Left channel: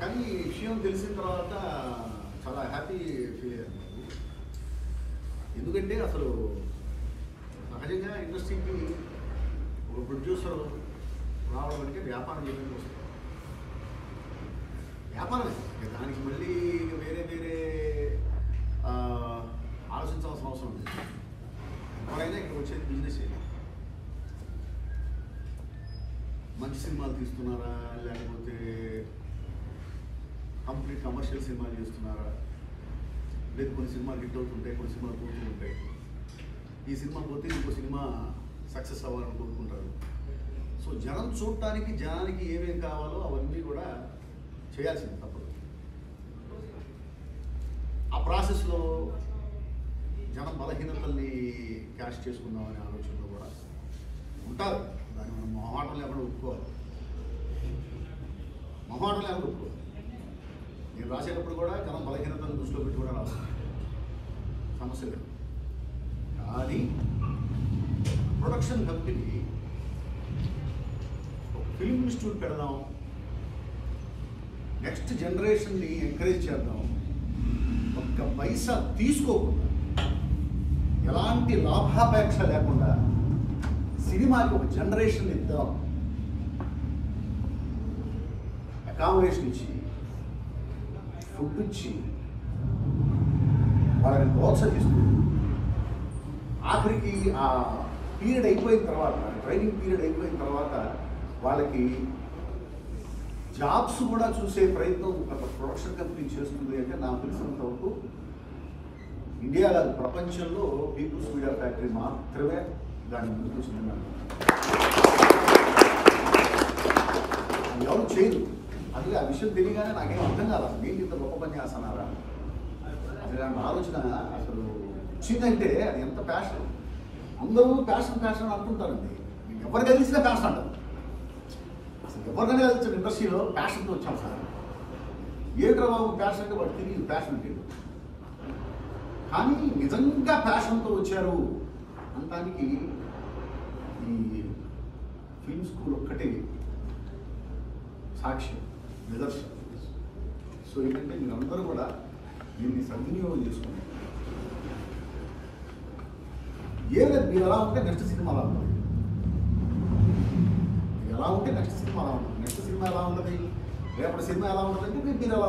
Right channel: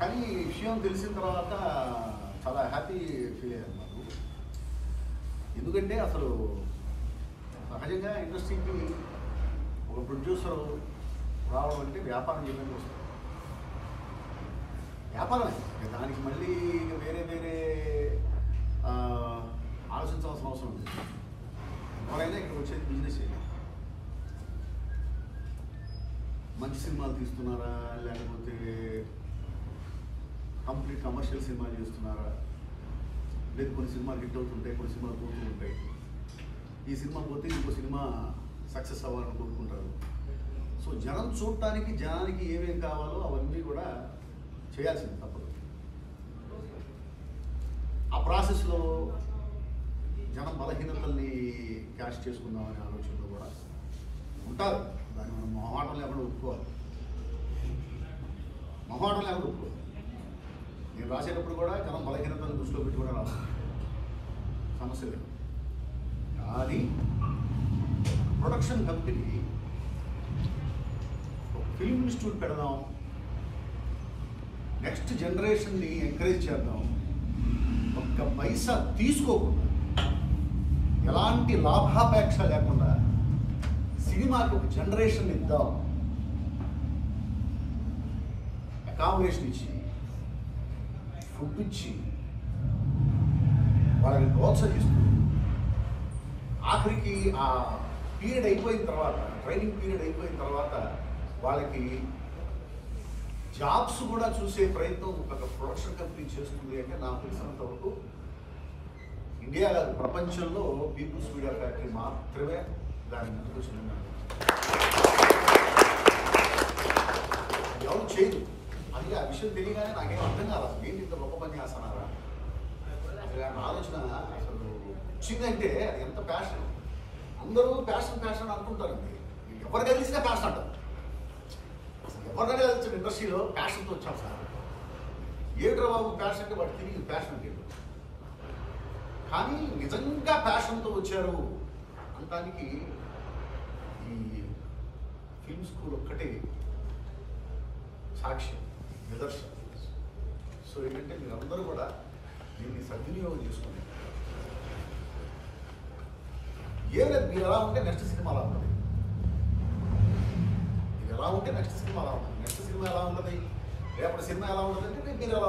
కానీ ఈ విషయం తెలిసిన తర్వాత చాలా హ్యాపీ ఫీల్ అయ్యాను నాకు. ఎందుకంటే అసలు సహజంగా ఇండస్ట్రీకి ఒక ప్రొడ్యూసర్ రావడం అంటే వ్యాపారం చేయడానికి వస్తుంది. వ్యాపారం దానికి మళ్ళీ వేరే వేరే ఆలోచించాల్సిన అవసరం ఉంది. ఎవరైనా ఇక్కడికి వచ్చేది బిజినెస్ చేయాలి. మంచి సినిమాలు తీస్తున్నారా, లేకపోతే కంప్లీట్ కమర్షియల్ సినిమాలు చేస్తున్నారా, లేదు కొన్ని సినిమాలు హిట్ అవుతుంటాయి, కొన్ని సినిమాలు పోతూ ఉంటాయి. ఈ సినిమా పోతే ఇంకో సినిమా సక్సెస్ అవ్వాలని కోరుకుంటారు. సో జనం చూడటానికి జనానికి ఏమేమి కావాలో అవన్నీ కూడా చేయాల్సింది తప్పదు. ఆ ప్రాసెస్లో జనం బలహీనతల్ని క్యాష్ చేసుకుందామనే ఆలోచనలో కూడా ఉంటారు. దాన్ని మనం మొహమాటం లేకుండా ఒప్పుకోవాలి. మొహమాటం లేకుండా ఒప్పుకోవాలి. నేను రాసేటప్పుడు కూడా జనం బలహీనతలను దృష్టిలో పెట్టి కూడా రాస్తాను, సమస్య లేదు. కానీ ప్రొడక్షన్ కంపెనీ ఒక ఫిల్మ్ ఇన్స్టిట్యూట్ పెడదాం, నెక్స్ట్ జనరేషన్ని ఎంకరేజ్ చేద్దాం, ఒక్క పైసా తీసుకోకుండా ఎలాంటి లాభాపేక్ష లేకుండా సినిమాకి ఒక జనరేషన్ ఇద్దాం, అకామిడేషన్ ఇచ్చి ఫుడ్ ఇచ్చి వాళ్ళని ప్రోత్సహిస్తూ ఆఖరికి ఆ పీరియడ్ అయిపోయిన తర్వాత, ట్రైనింగ్ పీరియడ్ అయిపోయిన తర్వాత వాళ్ళకి జాబ్స్ కూడా చూసే ప్రయత్నం ఒక ప్రొడక్షన్ కంపెనీ చేస్తుంది అంటే నాకు తెలిసినంత వరకు ఇండియా కాదు ప్రపంచంలో పీపుల్స్ మీడియా ఫ్యాక్టరీ మాత్రమే దాని ముందుకు వచ్చిందని అన్నారు. ఎవరు చేయరు. అది ఆ విషయం తెలియగానే నాకేం అర్థం కాదు. నేను ఇంత గొప్ప పని చేస్తున్నారా అది నా ఆలోచన అసలు వచ్చిందంటే అది ఎంత ప్యాషన్. అందరూ ప్యాషన్ ప్యాషన్ అంటుంటారండి. ఎవరు కలిసినా ప్యాషన్ అంటారు. అసలు ఎవరినైనా కలిసిన ఇండస్ట్రీలో ప్యాషన్తో వచ్చాం సార్. ఏంట్రా బాబు ప్యాషన్ అంటే వాడు తెలియదు, ప్యాషన్ తెలియదు. కానీ నిజంగా ప్యాషన్తో వచ్చారు అనడానికి ఈ ఫిల్మ్ స్కూల్ ఒక్కటే సాక్ష్యం, నిదర్శనం. సో ఏంటంటే మీరందరూ కూడా దీన్ని సద్వినియోగం చేసుకున్నారు. లేదు మీరు ఎలా ఉంటే నెక్స్ట్ సినిమా అలా ఉంటుంది. మీరు ఎలా ఉంటే నెక్స్ట్ సినిమా అలా ఉంటుంది. నెక్స్ట్ సినిమా ఎలా ఉంటుంది, రేపటి సినిమా ఎలా ఉంటుందంటే మీరు ఎలా